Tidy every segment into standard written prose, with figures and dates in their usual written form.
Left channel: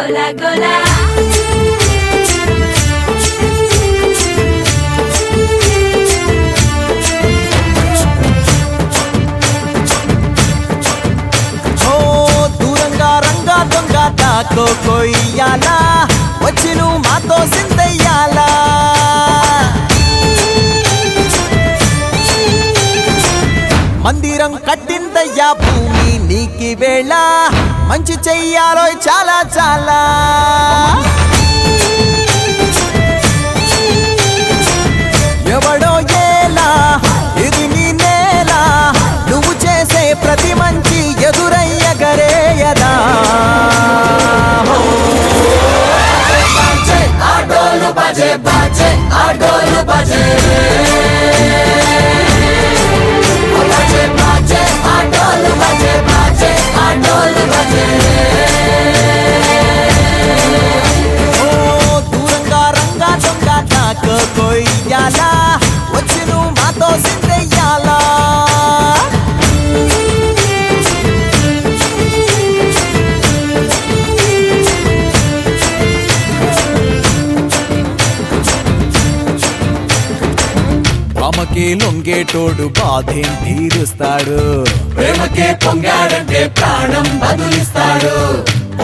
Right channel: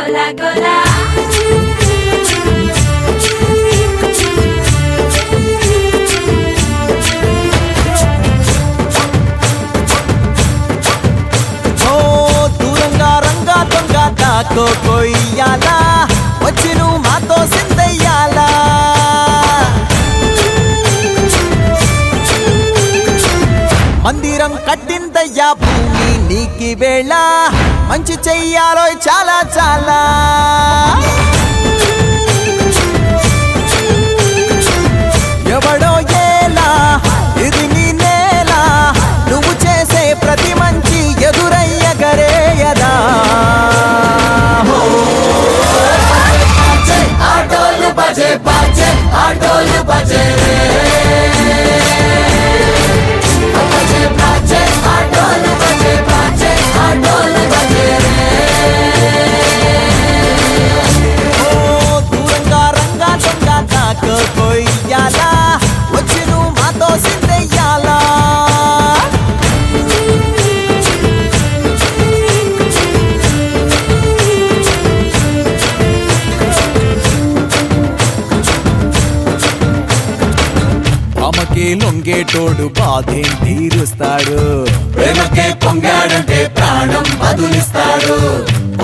గోలా గోలా దూరంగా రంగా దొంగ దాకో కొయ్యాలా వచ్చి నువ్వు మాతో సిందయ్యాలా మందిరం కట్టిందయ్యా భూమి నీకి వేళ మంచి చెయ్యాలో చాలా చాలా ఎవడో ఏలా ఇది నీ నేల నువ్వు చేసే ప్రతి మంచి ఎదురయ్యగరేయదా ఆటోలు బజే బాజే ఆటోలు బజే ఆటోలు బజే బాజే ఆటోలు బజే దూరంగా రంగా దొంగ నాకు కొయ్యాలా వచ్చి నువ్వు మాతో సిందెయ్యాలా ఆమెకే లొంగేటోడు బాధేం తీరుస్తాడు ప్రేమకే పొంగాడంటే ప్రాణం బదులిస్తాడు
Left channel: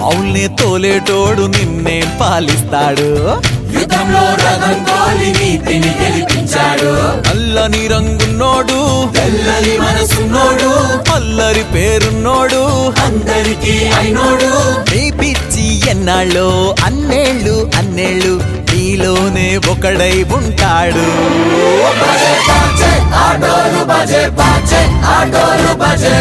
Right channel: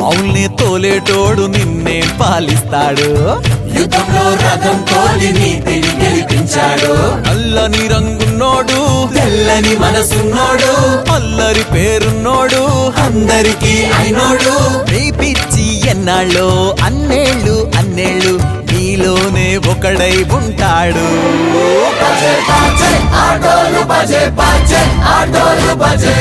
అవుల్ని తోలేటోడు నిన్నేం పాలిస్తాడు యుద్ధంలో రథం తోలి నీతిని గెలిపించాడు నల్లని రంగున్నోడు తెల్లని మనసున్నోడు అల్లరి పేరున్నోడు అందరికీ అయినోడు మీ పిచ్చి ఎన్నాళ్ళో అన్నేళ్ళు అన్నేళ్ళు నీలోనే ఒకడై ఉంటాడు బజే బాజే ఆటోలు బజే బాజే ఆటోలు బజే